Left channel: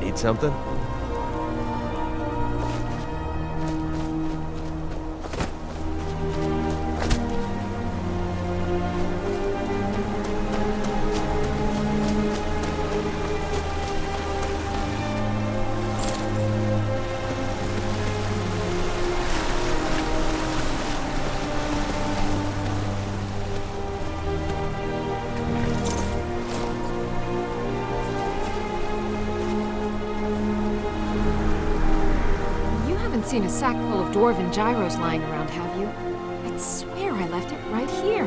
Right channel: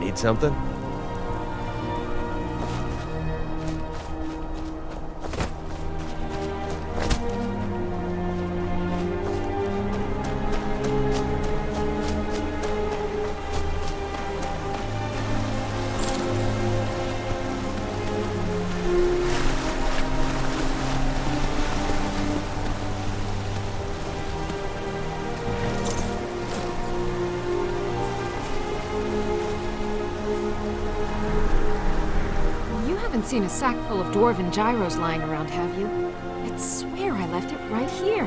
Need something? Seen a sack full of dwarven gyros lying around, have you? I swear I left it right here.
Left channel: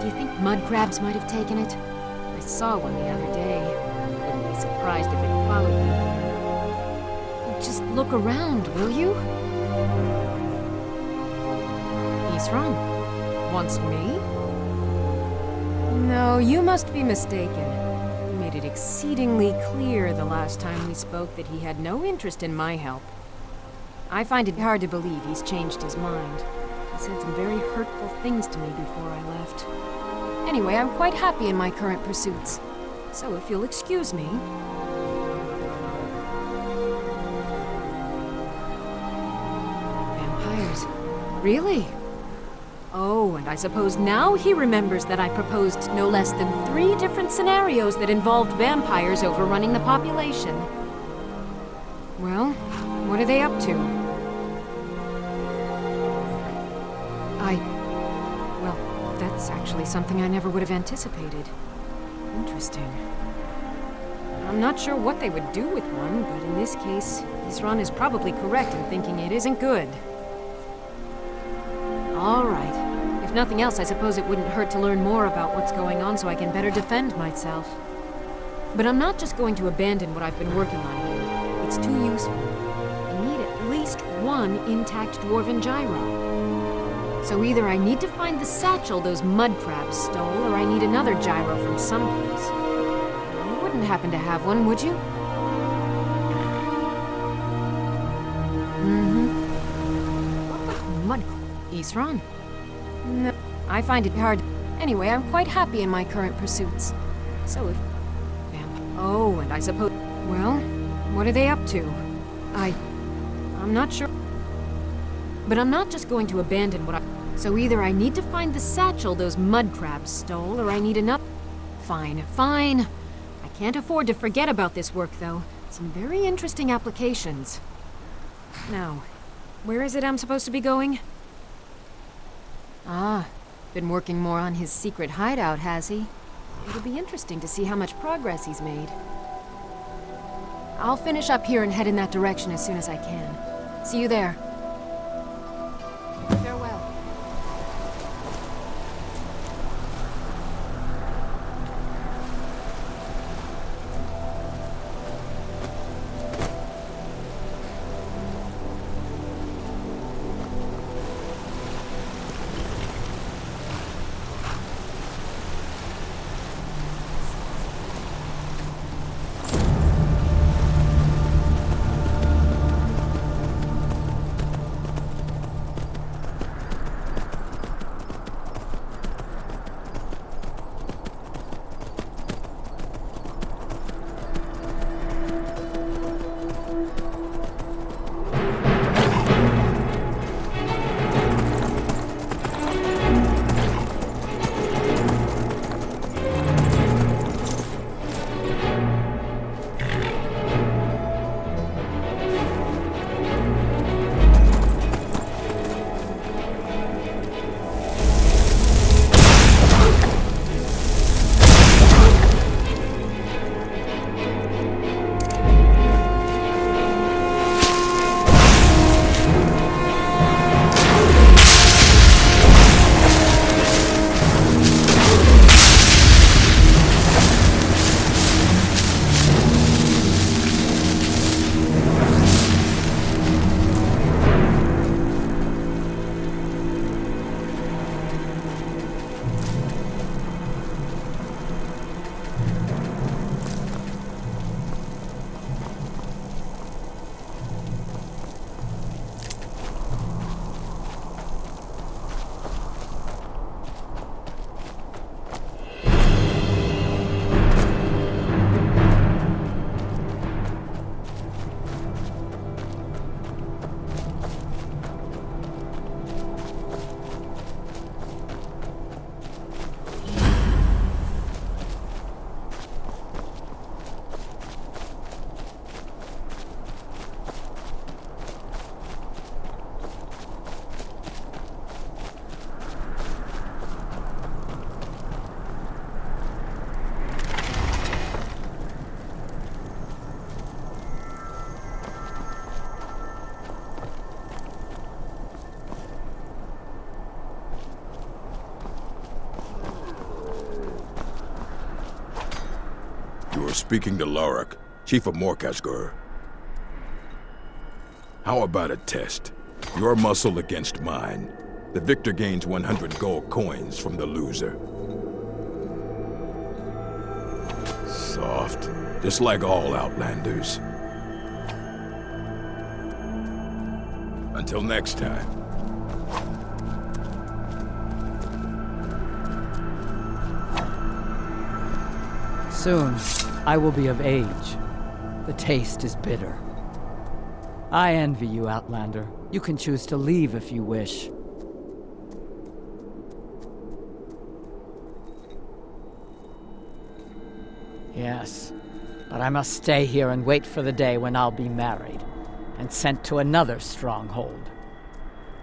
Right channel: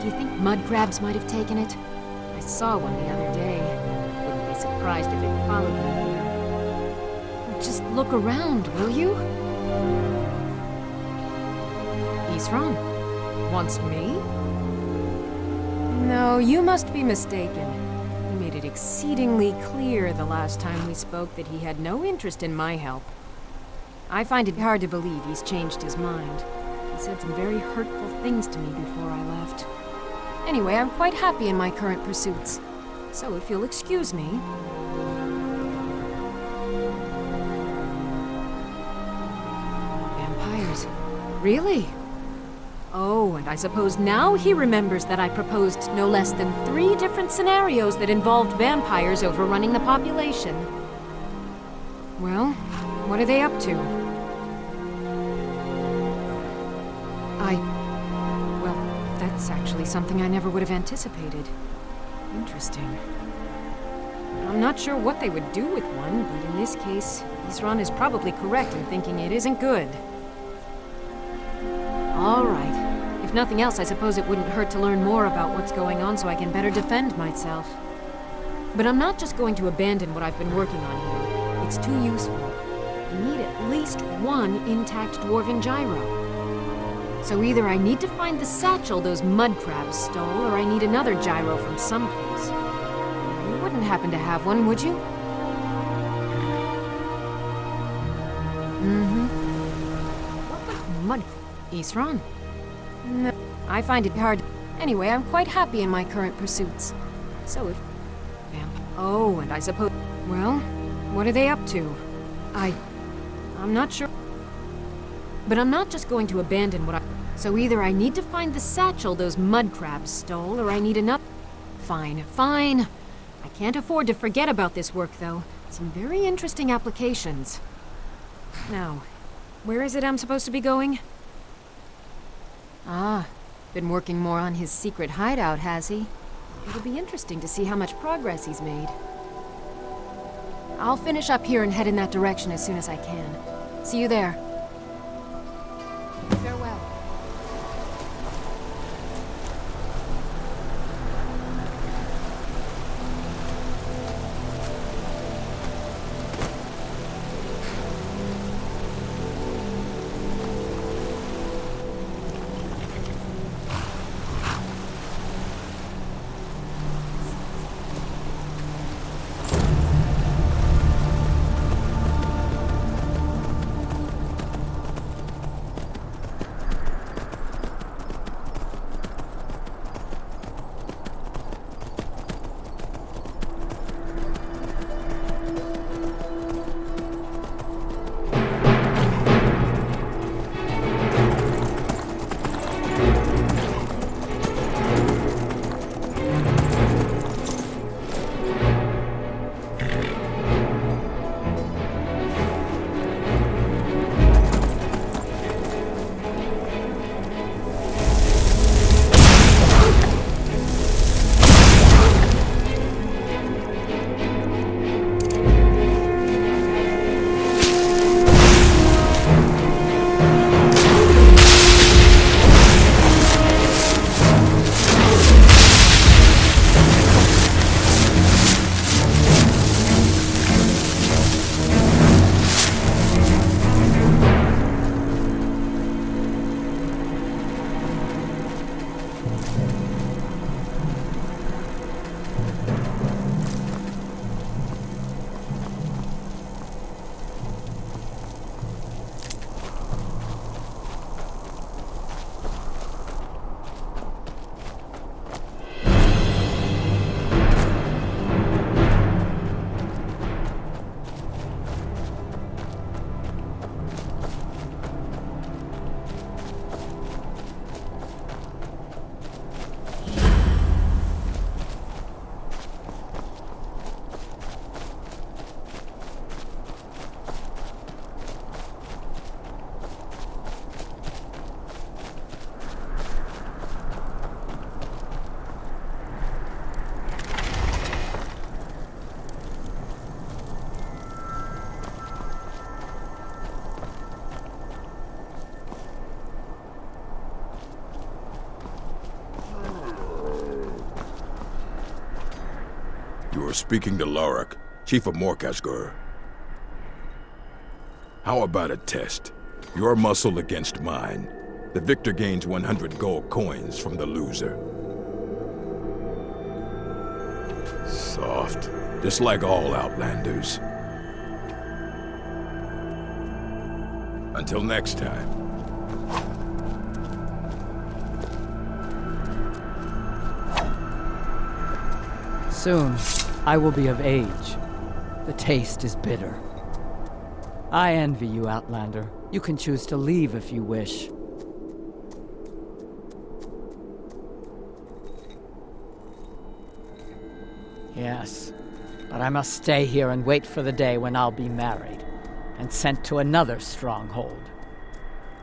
Do you think mud crabs might have taken it? I saw one the other day. Wouldn't be surprised if it followed me here. Just look around, will you? Isran? Wants me? No, you must be mistaken. He made it exceedingly clear the last time we spoke that he had no interest in my help. I find it hard to believe he's changed his mind. He said some very hurtful things to me before I left. Anyway, I'm quite happy in my current pursuits. So if you'll excuse me... Vampires. Really? Oh, and I suppose now he remembers that I proposed no less than 3 different scenarios that involved vampires overrunning the population. Well, what are they up to? Well, that's actually something I never would have anticipated. Interesting. I'm not sure what they would do with one, but in this case, Isran is probably correct in thinking it isn't good. All right. If nothing else, I suppose it wouldn't hurt to learn more about what's going on so I can better defend myself. But I'm not just going to abandon what I've been working on here. It's too useful. I need at least 1 intact dwarven gyro. So either I need to find the satchel those mud crabs stole, or I need another gyro from someplace. You wouldn't happen to have one, would you? What would mud... Isran? No, I find it hard. Anyway, I'm quite happy in my current pursuits. So if... Oh, and I suppose... Well, what are they up to? I'm not sure. But I'm not just going to abandon what I... So either I need to find the satchel those mud crabs stole, or I need another... Fine. I can't afford to forget about this work, though. Some very interesting applications. Now, where is it I'm supposed to be going? Ah, been working more on his secret hideout, has he? It'll be interesting to see how much progress he's made. I'll finish up here and head in that direction as soon as I can. See you there. Farewell. You are speaking to Lorak, Chief of Morkasgur. How about a test? Your muscle against mine. The victor gains 100 gold coins from the loser. Soft. Just like all Outlanders. Until next time. Soon, I will be of age. The taste is bitter. I envy you, Outlander. You can choose to leave if you wish. Yes, but I must stay here and wait for the day when I'll be married, and sent to another stronghold.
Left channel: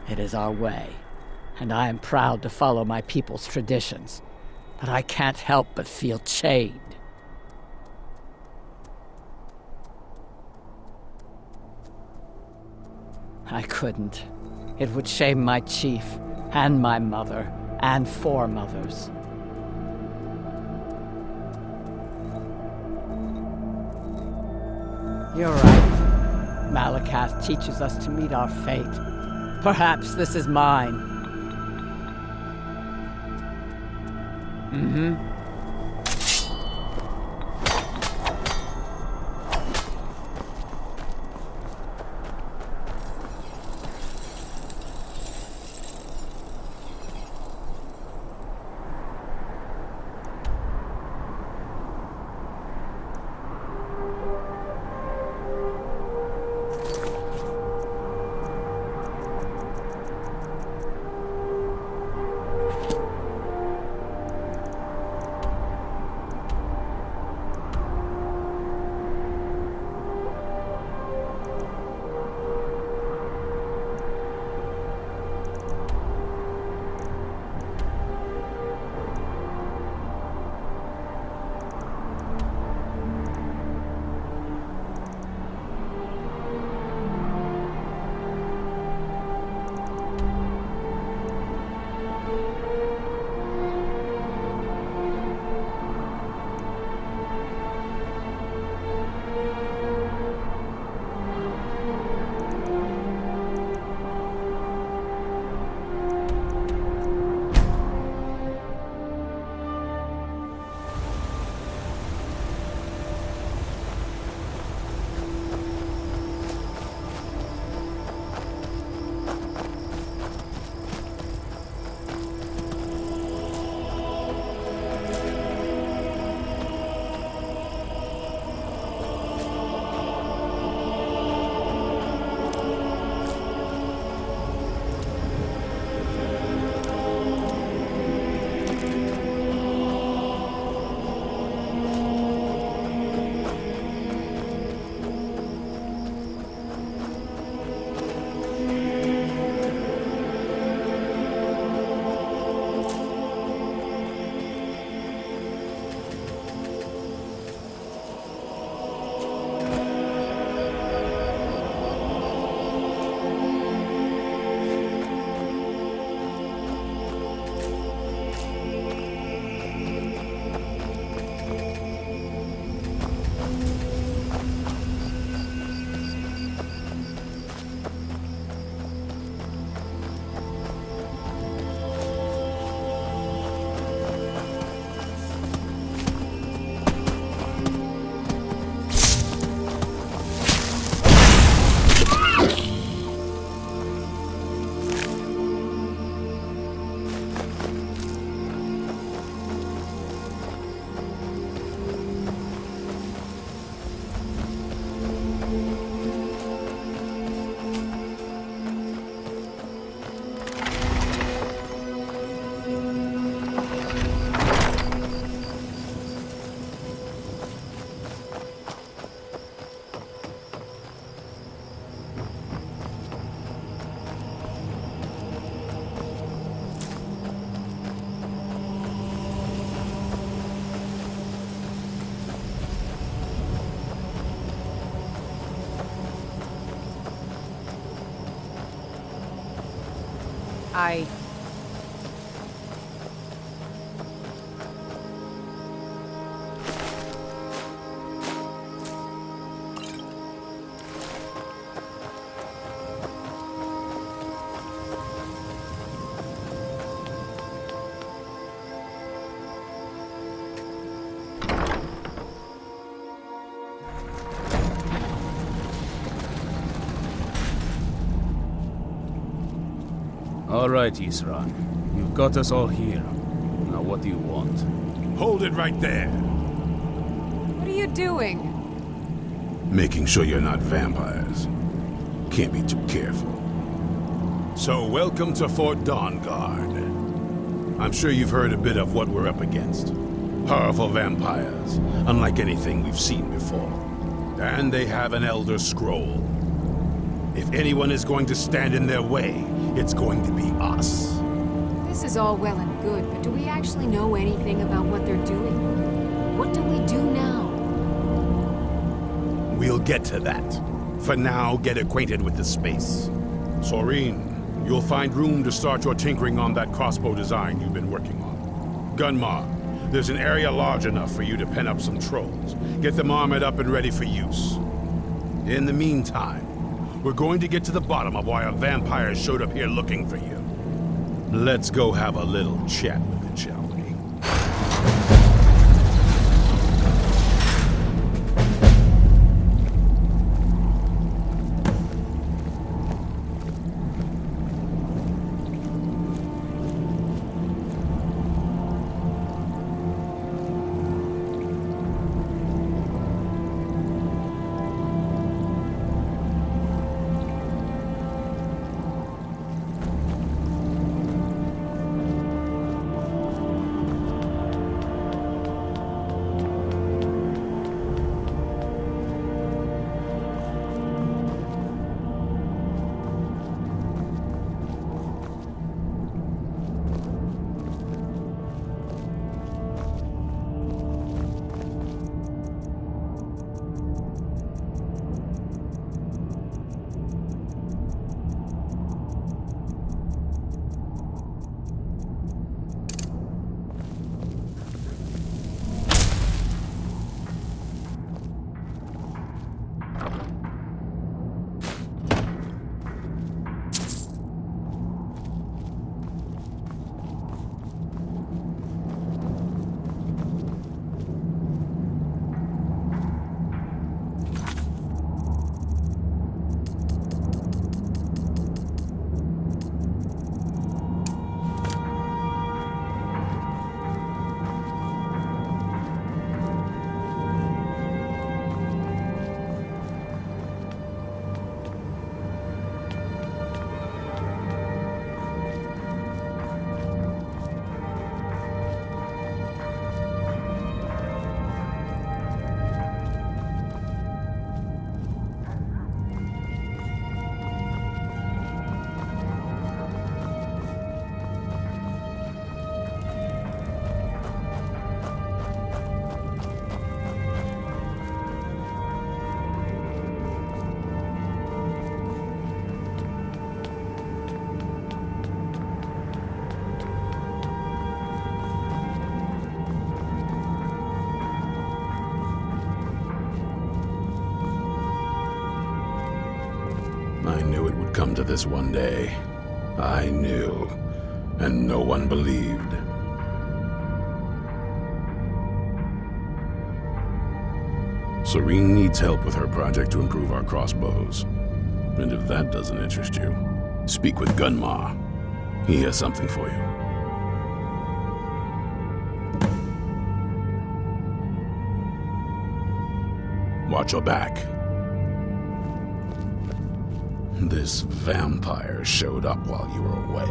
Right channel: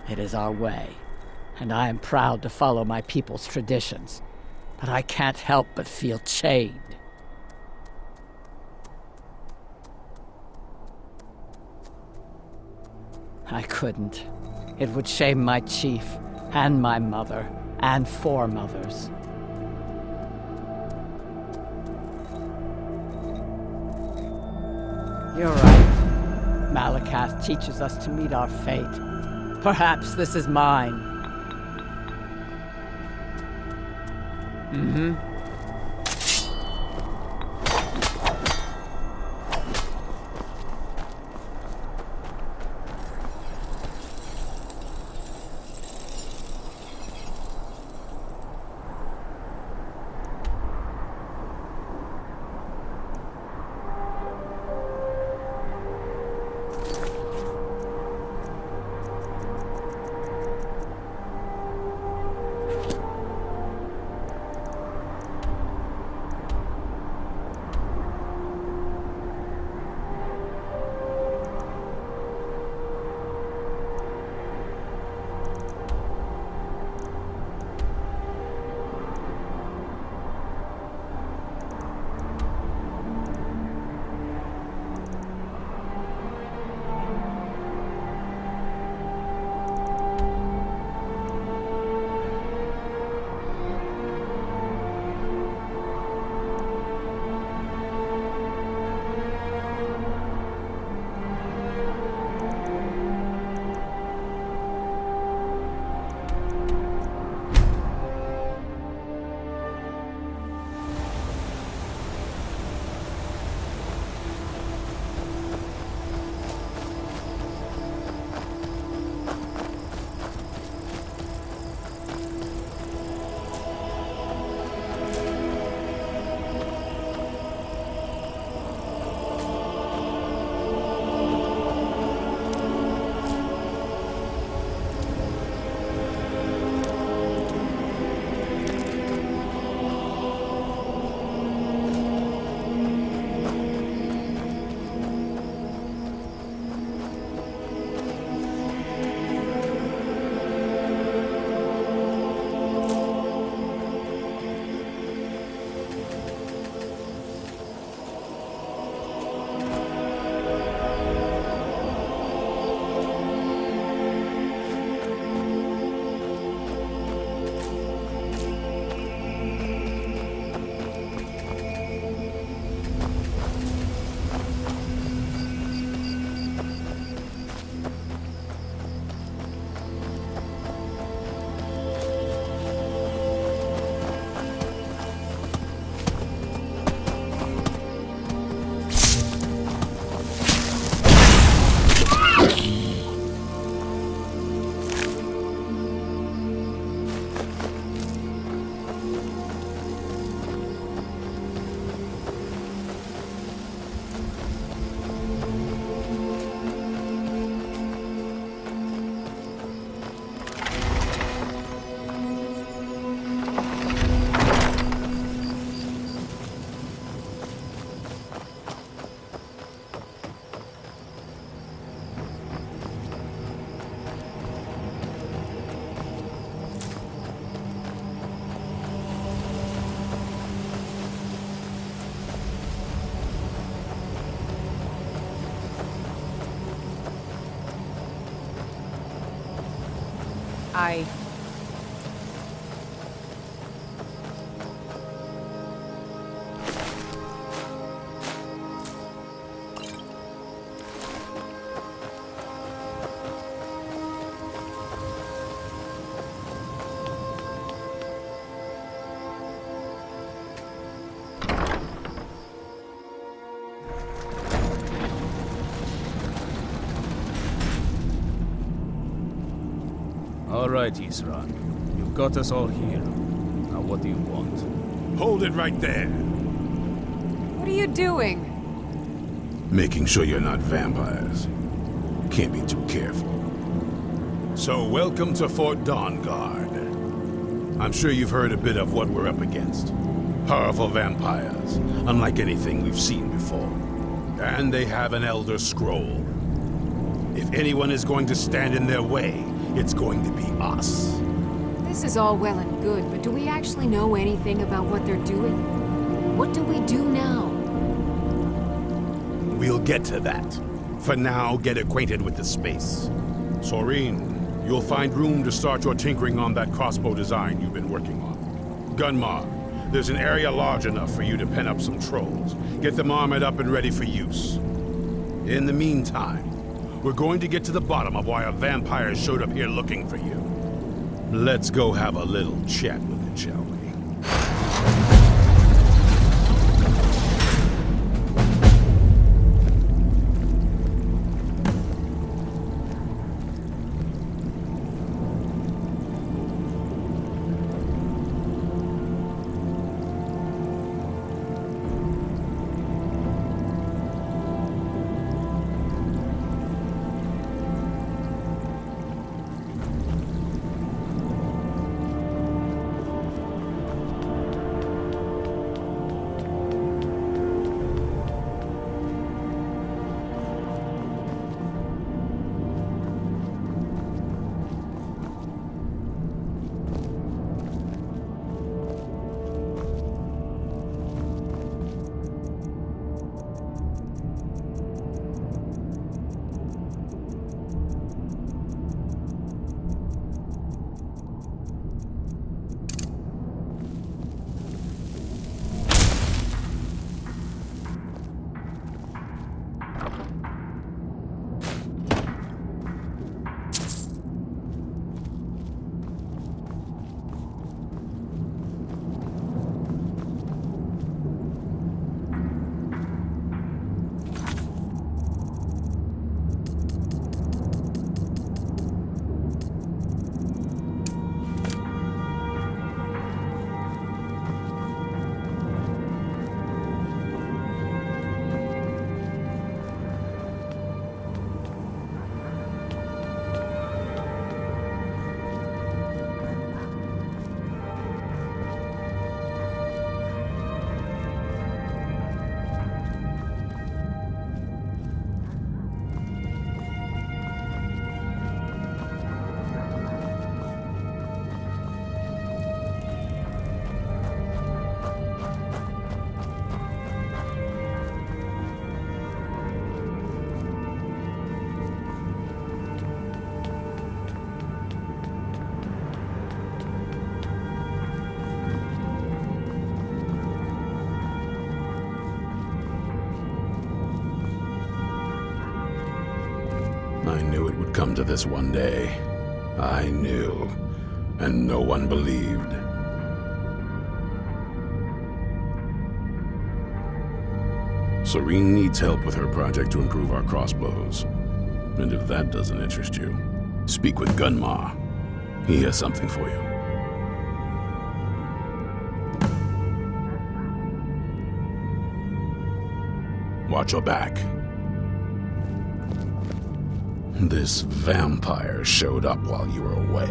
It is our way, and I am proud to follow my people's traditions, but I can't help but feel chained. I couldn't. It would shame my chief, and my mother, and foremothers. You're right. Malakath teaches us to meet our fate. Perhaps this is mine. Mm-hmm. I... All right, Isran. You've got us all here. Now what do you want? Hold it right there. What are you doing? Making sure you're not vampires. Can't be too careful. So welcome to Fort Dawnguard. I'm sure you've heard a bit of what we're up against. Powerful vampires, unlike anything we've seen before. And they have an Elder Scroll. If anyone is going to stand in their way, it's going to be us. This is all well and good, but do we actually know anything about what they're doing? What do we do now? We'll get to that. For now, get acquainted with the space. Soreen, you'll find room to start your tinkering on that crossbow design you've been working on. Gunmar, there's an area large enough for you to pen up some trolls. Get them armored up and ready for use. In the meantime, we're going to get to the bottom of why a vampire showed up here looking for you. Let's go have a little chat with it, shall we? I knew it would come to this one day. I knew. And no one believed. Soreen needs help with her project to improve our crossbows. And if that doesn't interest you, speak with Gunmar. He has something for you. Watch your back. This vampire showed up while you were away.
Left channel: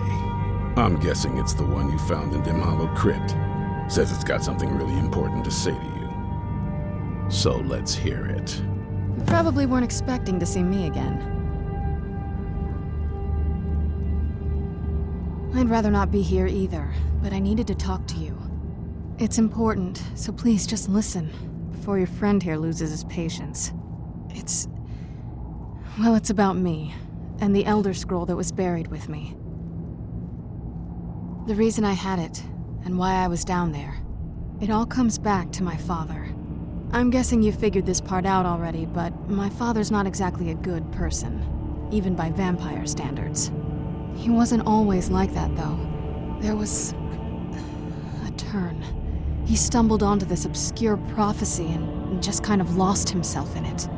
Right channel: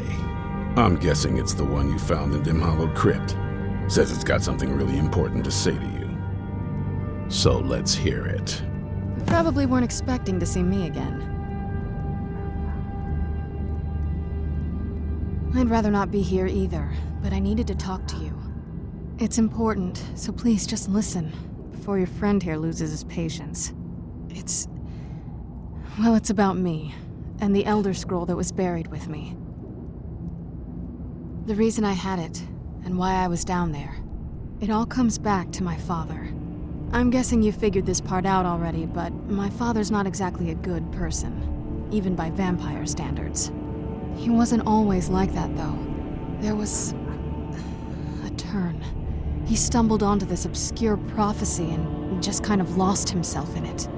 I'm guessing it's the one you found in Dim Hollow Crypt. Says it's got something really important to say to you. So let's hear it. You probably weren't expecting to see me again. I'd rather not be here either, but I needed to talk to you. It's important, so please just listen, before your friend here loses his patience. Well, it's about me, and the Elder Scroll that was buried with me. The reason I had it, and why I was down there. It all comes back to my father. I'm guessing you figured this part out already, but my father's not exactly a good person, even by vampire standards. He wasn't always like that, though. There was a turn. He stumbled onto this obscure prophecy and just kind of lost himself in it.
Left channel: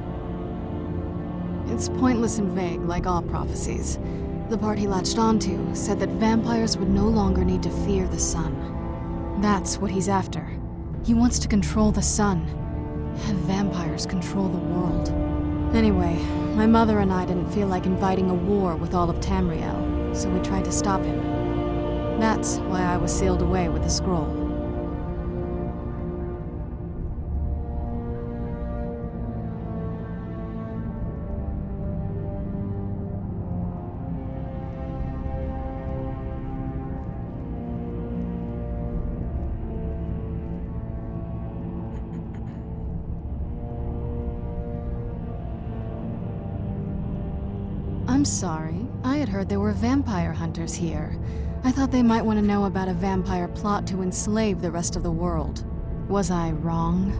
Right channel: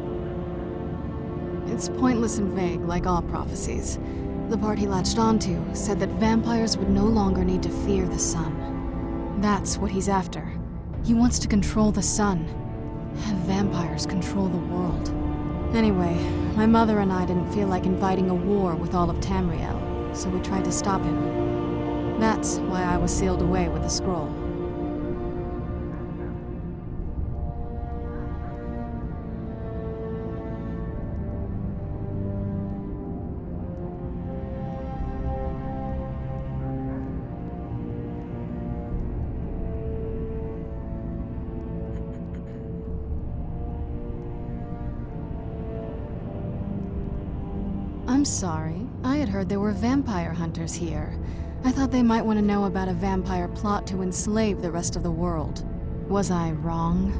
It's pointless and vague, like all prophecies. The part he latched onto said that vampires would no longer need to fear the sun. That's what he's after. He wants to control the sun. Have vampires control the world. Anyway, my mother and I didn't feel like inviting a war with all of Tamriel, so we tried to stop him. That's why I was sealed away with the scroll. I'm sorry. I had heard there were vampire hunters here. I thought they might want to know about a vampire plot to enslave the rest of the world. Was I wrong?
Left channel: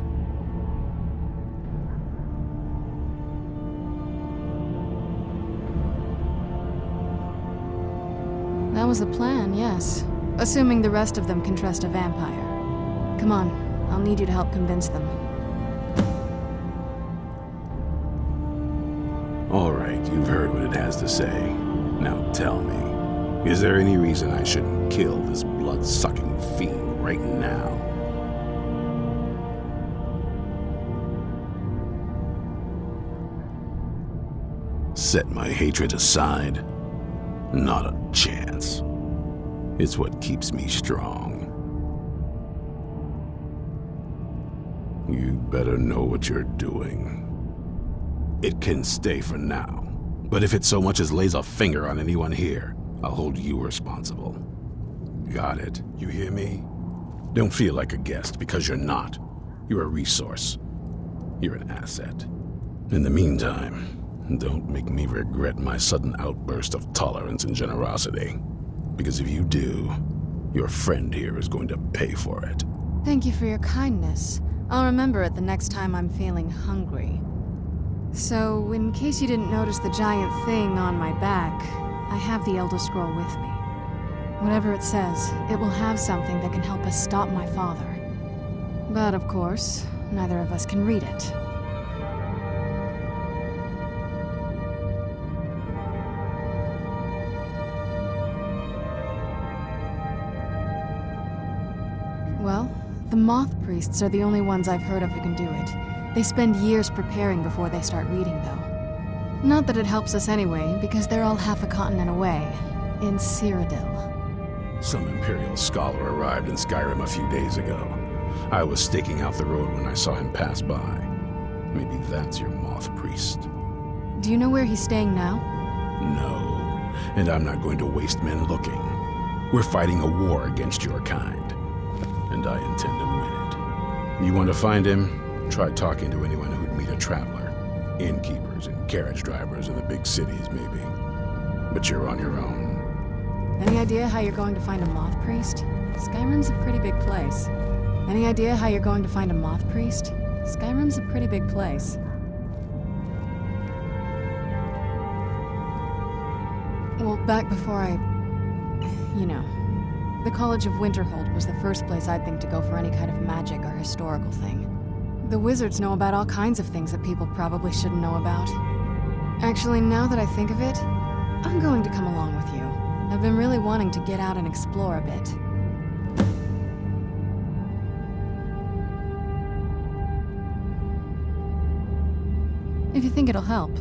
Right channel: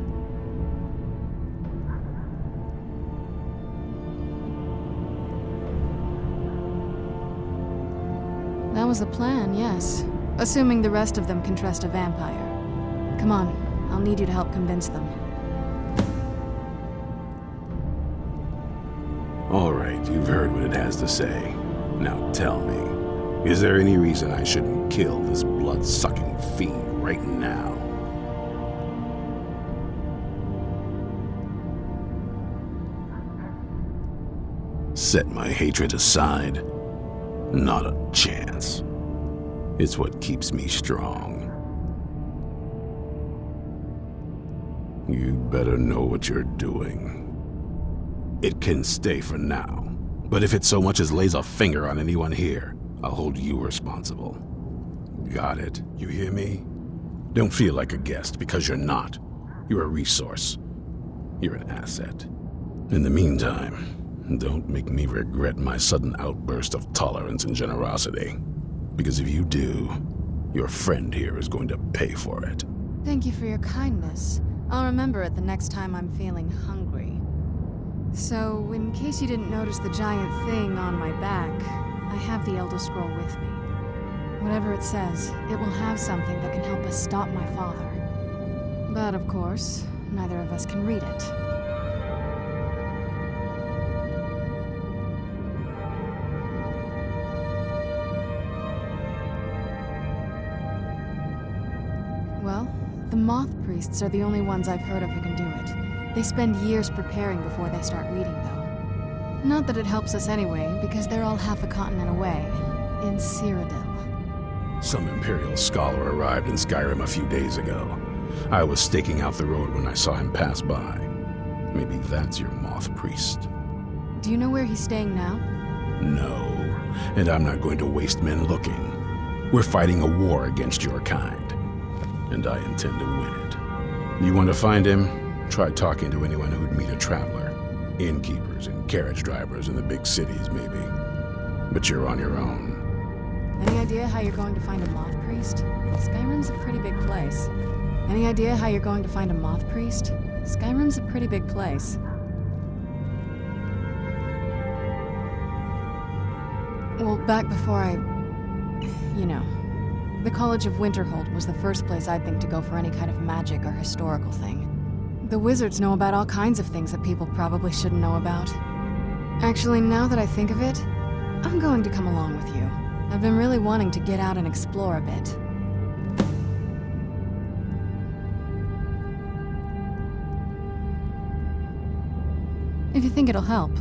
That was the plan, yes. Assuming the rest of them can trust a vampire. Come on, I'll need you to help convince them. All right, you've heard what it has to say. Now tell me, is there any reason I shouldn't kill this blood-sucking fiend right now? Set my hatred aside? Not a chance. It's what keeps me strong. You'd better know what you're doing. It can stay for now, but if it so much as lays a finger on anyone here, I'll hold you responsible. Got it? You hear me? Don't feel like a guest, because you're not. You're a resource. You're an asset. In the meantime, don't make me regret my sudden outburst of tolerance and generosity. Because if you do, your friend here is going to pay for it. Thank you for your kindness. I'll remember it the next time I'm feeling hungry. So, in case you didn't notice the giant thing on my back, I have the Elder Scroll with me. Whatever it says, it will have something that can help us stop my father. But of course, neither of us can read it. Well, the Moth Priests are the only ones I've heard of who can do it. They spend years preparing before they start reading, though. Not that it helps us anyway, because they're all half a continent away, in Cyrodiil. Some Imperial scholar arrived in Skyrim a few days ago. I was staking out the road when I saw him pass by. Maybe that's your Moth Priest. Do you know where he's staying now? No, and I'm not going to waste men looking. We're fighting a war against your kind, and I intend to win it. You want to find him? Try talking to anyone who'd meet a traveler. Innkeepers and carriage drivers in the big cities, maybe. But you're on your own. Any idea how you're going to find a Moth Priest? Skyrim's a pretty big place. Any idea how you're going to find a Moth Priest? Skyrim's a pretty big place. Well, back before the College of Winterhold was the first place I'd think to go for any kind of magic or historical thing. The wizards know about all kinds of things that people probably shouldn't know about. Actually, now that I think of it, I'm going to come along with you. I've been really wanting to get out and explore a bit. If you think it'll help.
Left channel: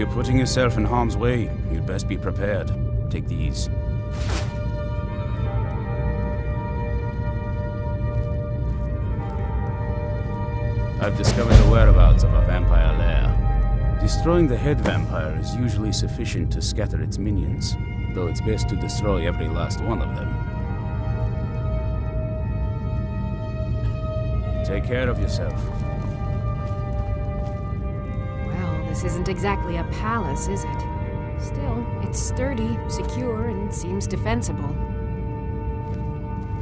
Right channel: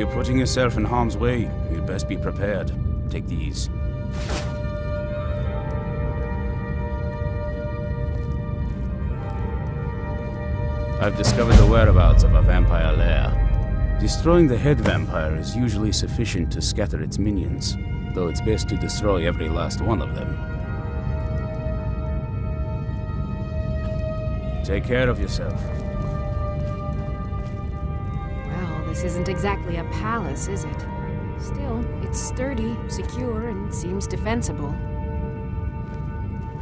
you're putting yourself in harm's way, you'd best be prepared. Take these. I've discovered the whereabouts of a vampire lair. Destroying the head vampire is usually sufficient to scatter its minions, though it's best to destroy every last one of them. Take care of yourself. Well, this isn't exactly a palace, is it? Still, it's sturdy, secure, and seems defensible.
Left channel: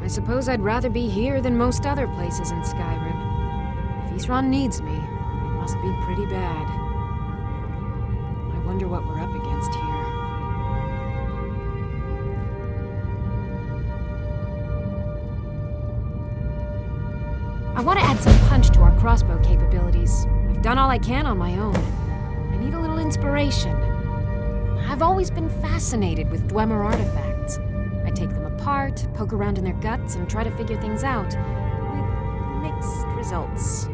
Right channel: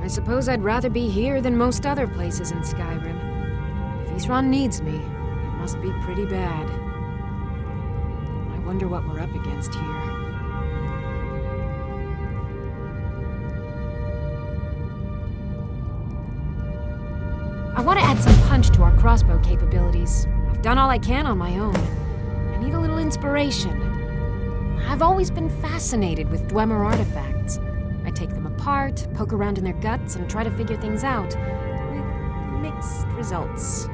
I suppose I'd rather be here than most other places in Skyrim. If Isran needs me, it must be pretty bad. I wonder what we're up against here. I want to add some punch to our crossbow capabilities. I've done all I can on my own. I need a little inspiration. I've always been fascinated with Dwemer artifacts. I take them apart, poke around in their guts, and try to figure things out, with mixed results.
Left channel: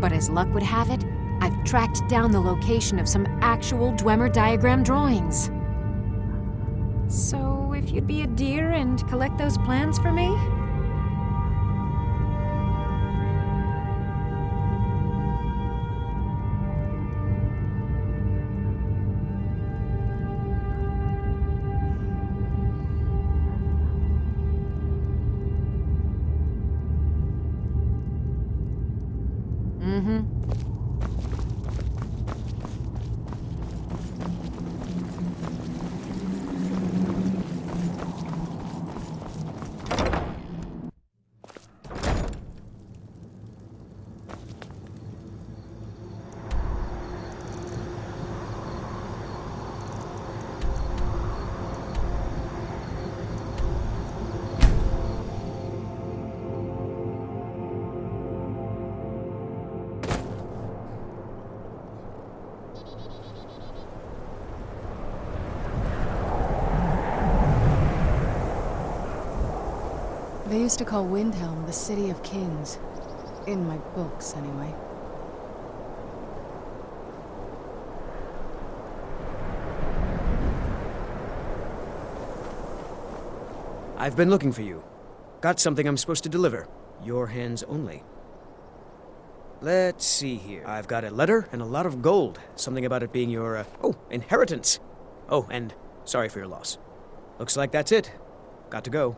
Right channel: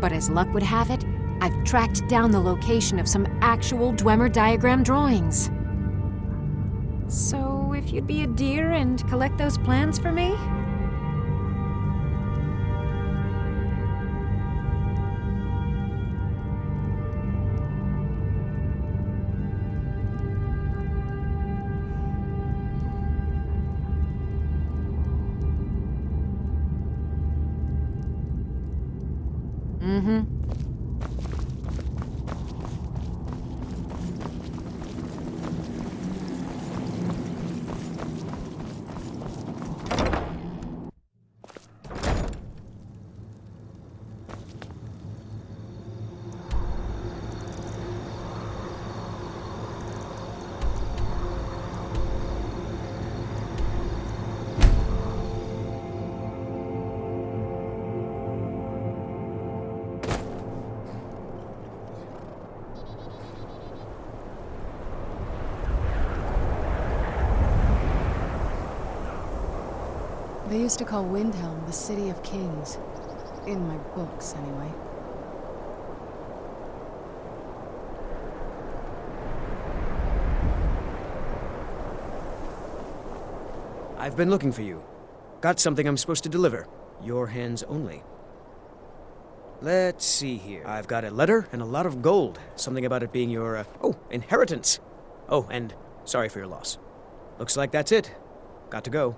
But as luck would have it, I've tracked down the location of some actual Dwemer diagram drawings. So, if you'd be a dear and collect those plans for me? Mm-hmm. They used to call Windhelm the City of Kings. In my books, anyway. I've been looking for you. Got something I'm supposed to deliver. Your hands only. Let's see here. I've got a letter and a lot of gold. Something about it being your, inheritance. Oh, and sorry for your loss. Looks like that's it. Got to go.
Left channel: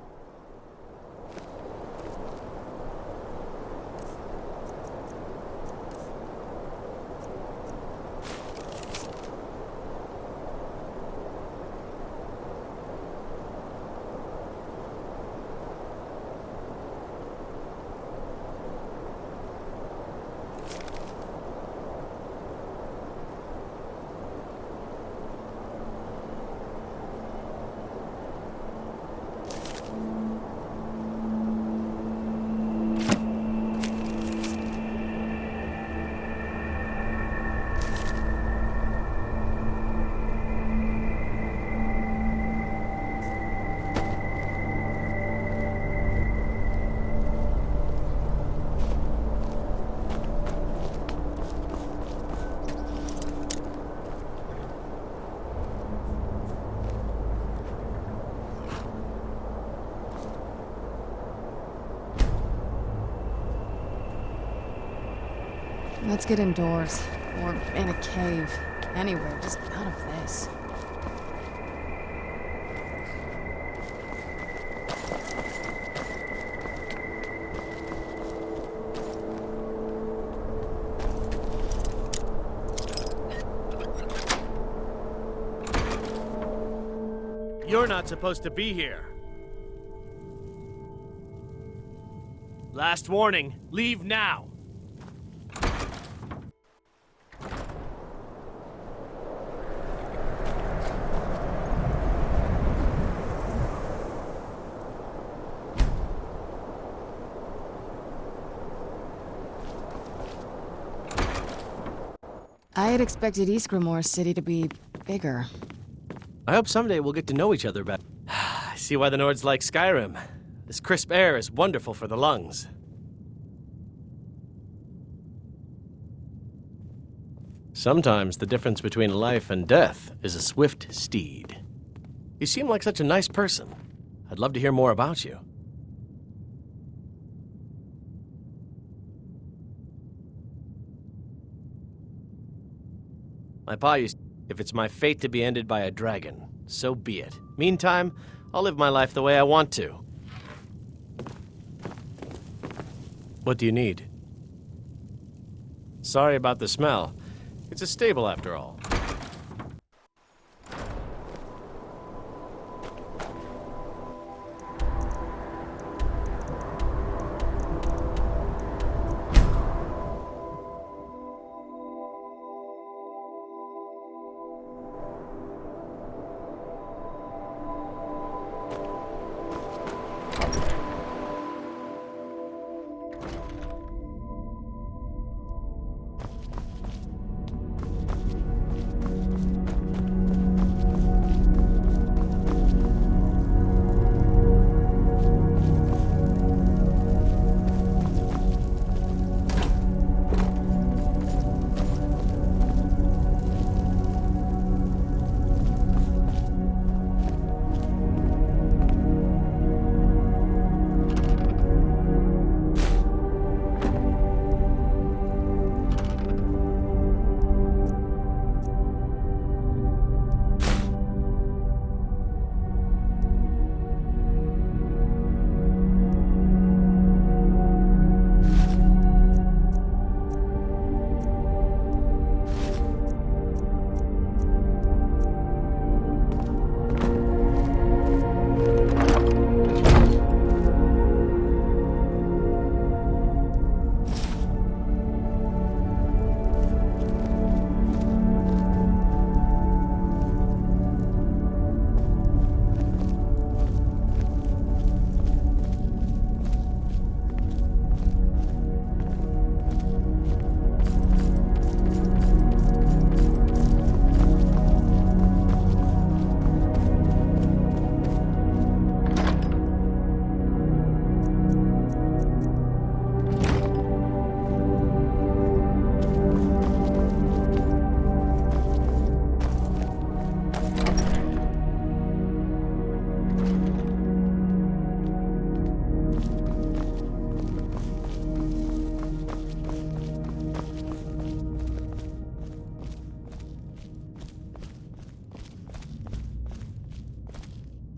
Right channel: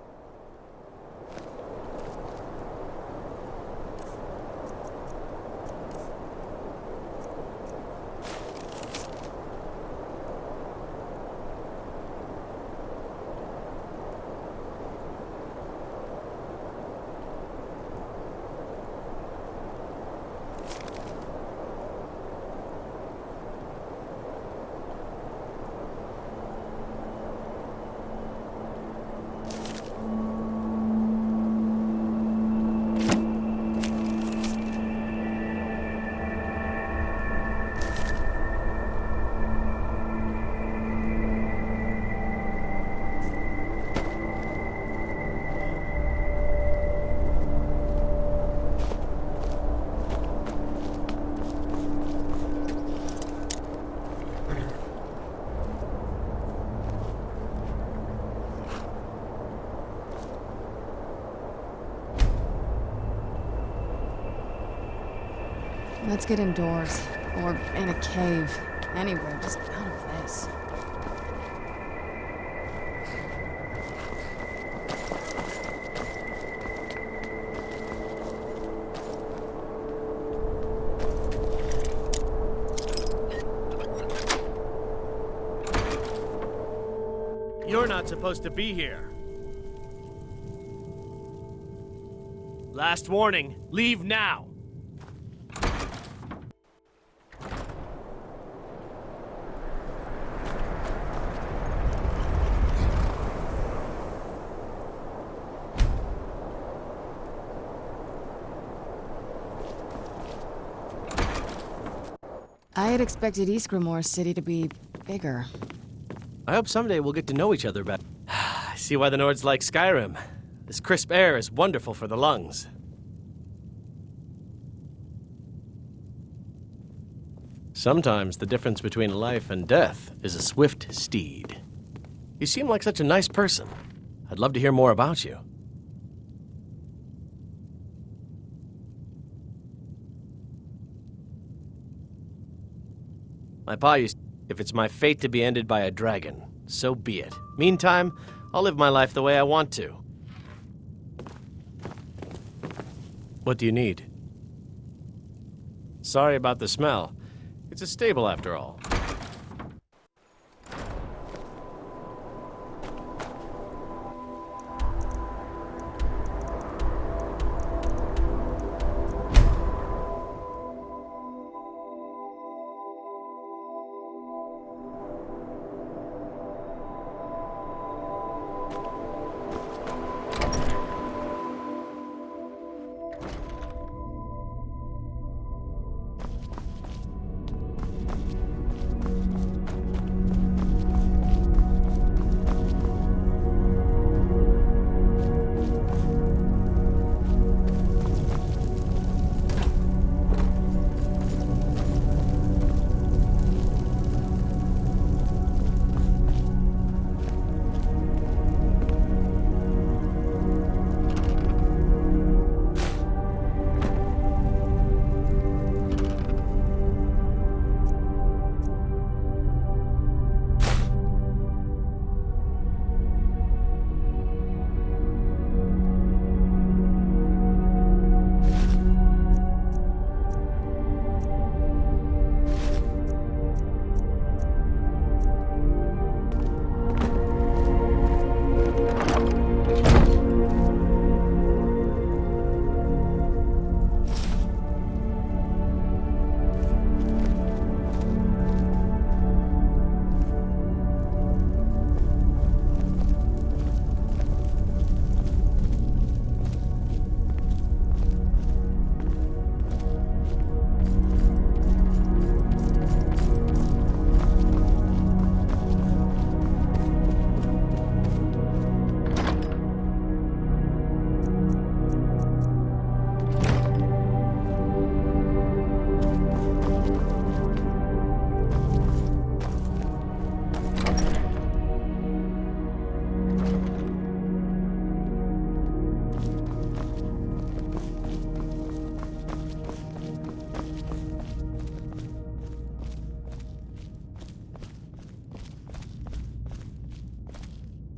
Let's get indoors. Or in a cave. Anywhere, just out of this. You're not supposed to be here. Last warning, leave now. I had expected Ysgramor's city to be bigger. I hope someday we'll get to know each other better. I see why the Nords like Skyrim. This crisp air is wonderful for the lungs. Sometimes the difference between life and death is a swift steed. You seem like such a nice person. I'd love to hear more about you. My pa used, if it's my fate to be ended by a dragon, so be it. Meantime, I'll live my life the way I want to. What do you need? Sorry about the smell. It's a stable after all.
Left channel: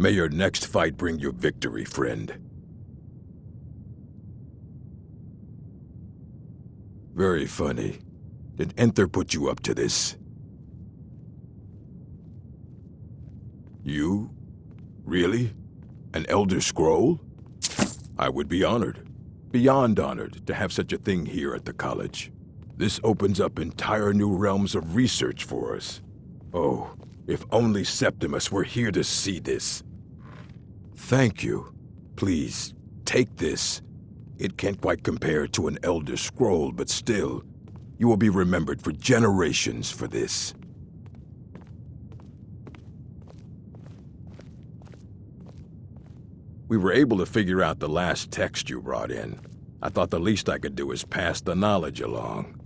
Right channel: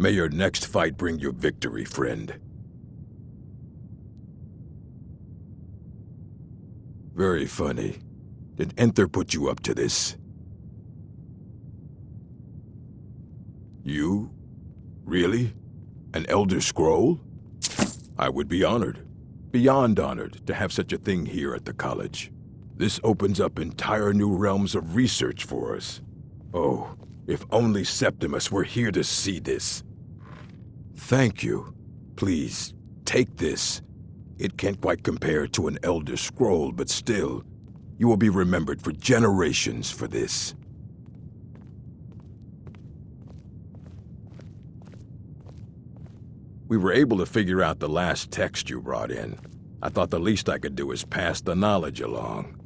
May your next fight bring you victory, friend. Very funny. Did Enther put you up to this? You? Really? An Elder Scroll? I would be honored. Beyond honored to have such a thing here at the college. This opens up entire new realms of research for us. Oh, if only Septimus were here to see this. Thank you. Please, take this. It can't quite compare to an Elder Scroll, but still, you will be remembered for generations for this. We were able to figure out the last text you brought in. I thought the least I could do is pass the knowledge along.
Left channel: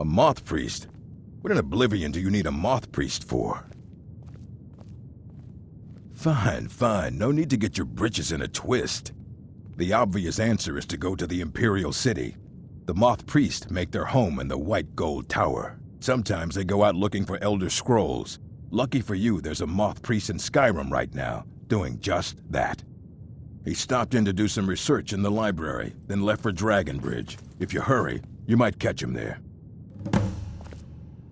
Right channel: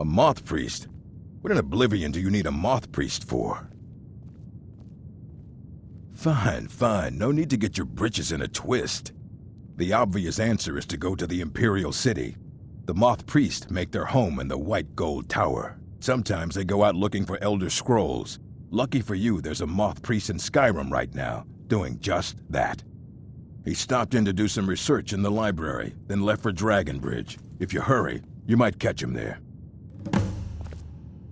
A moth priest? What in Oblivion do you need a moth priest for? Fine, fine. No need to get your britches in a twist. The obvious answer is to go to the Imperial City. The moth priests make their home in the White Gold Tower. Sometimes they go out looking for Elder Scrolls. Lucky for you, there's a moth priest in Skyrim right now, doing just that. He stopped in to do some research in the library, then left for Dragonbridge. If you hurry, you might catch him there.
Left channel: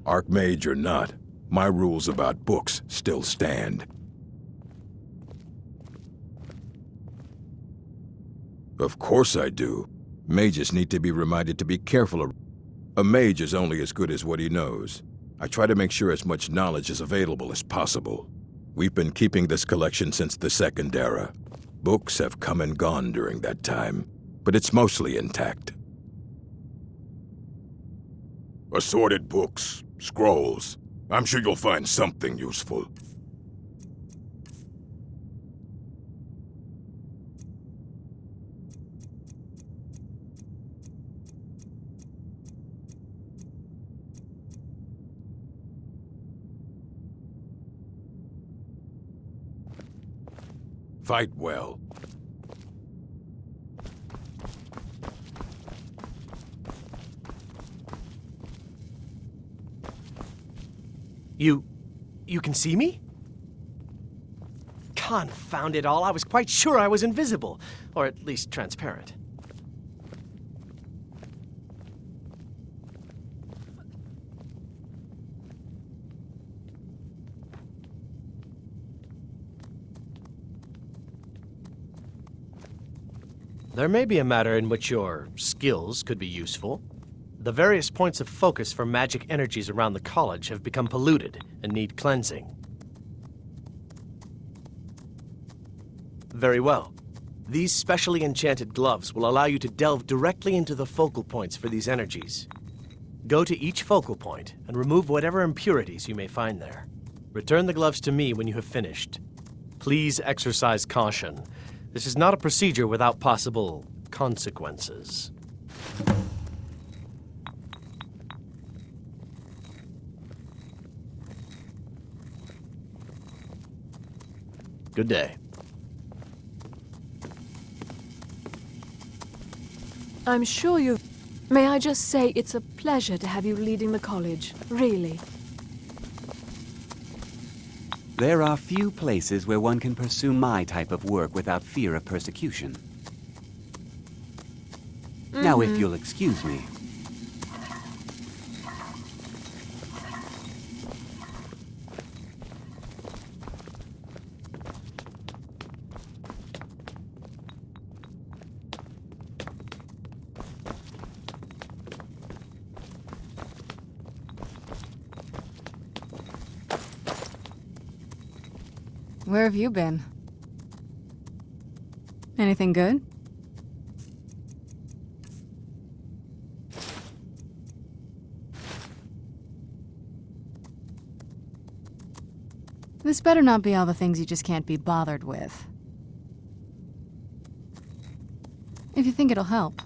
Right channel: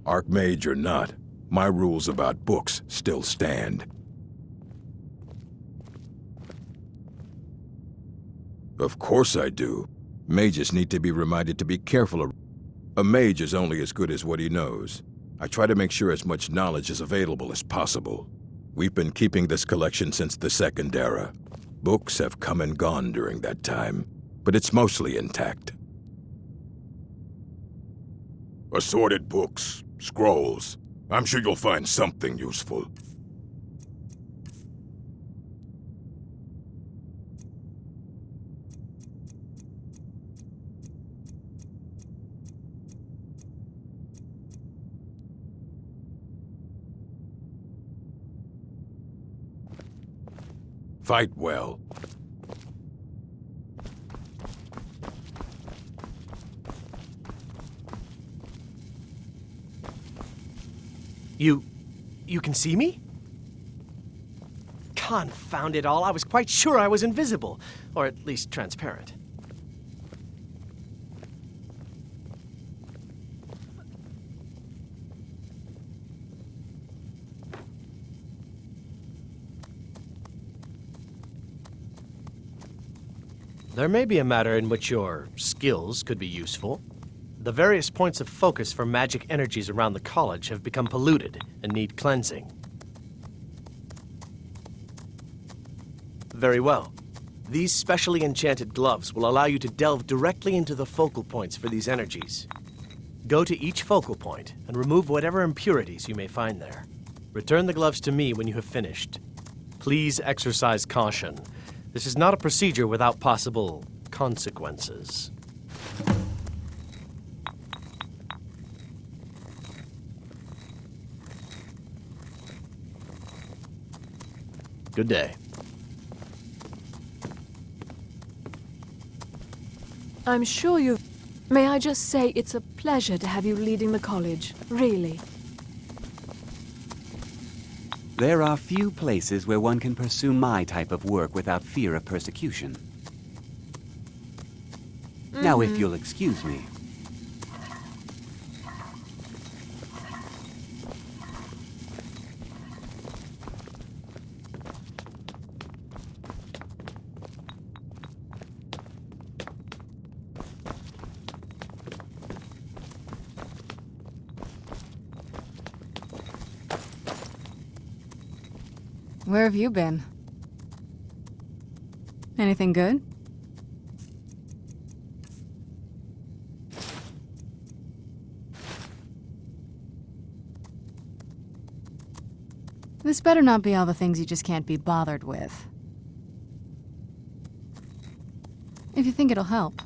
Archmage or not, my rules about books still stand. Of course I do. Mages need to be reminded to be careful. A mage is only as good as what he knows. I try to make sure as much knowledge is available as possible. We've been keeping this collection since the Second Era. Books have come and gone during that time, but it's mostly intact. Assorted books, scrolls. I'm sure you'll find something useful. Fight well. You can see me? Confound it all, I was quite sure I was invisible. Or at least transparent. There may be a matter in which your skills could be useful. The various points of focus for magic energies around the college have become polluted and need cleansing. Very well. These specially enchanted gloves will allow you to delve directly into the focal points for these energies. Go to each focal point and remove whatever impurities you may find there. Return the gloves to me when you have finished. Please exercise caution. This is not a procedure without possible consequences. Good day. I'm sure you... May I just say it's a pleasure to have you leading the college, really. There are few places where one can pursue my type of work without fear of persecution. Now, if you'll excuse me. Where have you been? Anything good? This better not be all the things you just can't be bothered with. If you think it'll help.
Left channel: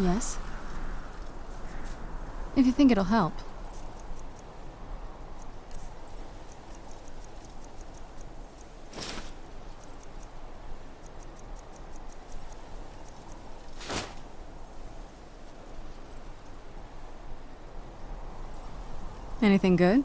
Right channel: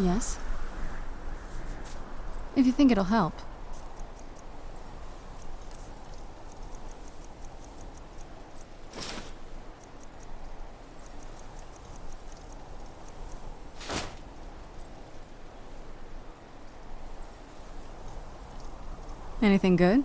Yes? If you think it'll help. Anything good?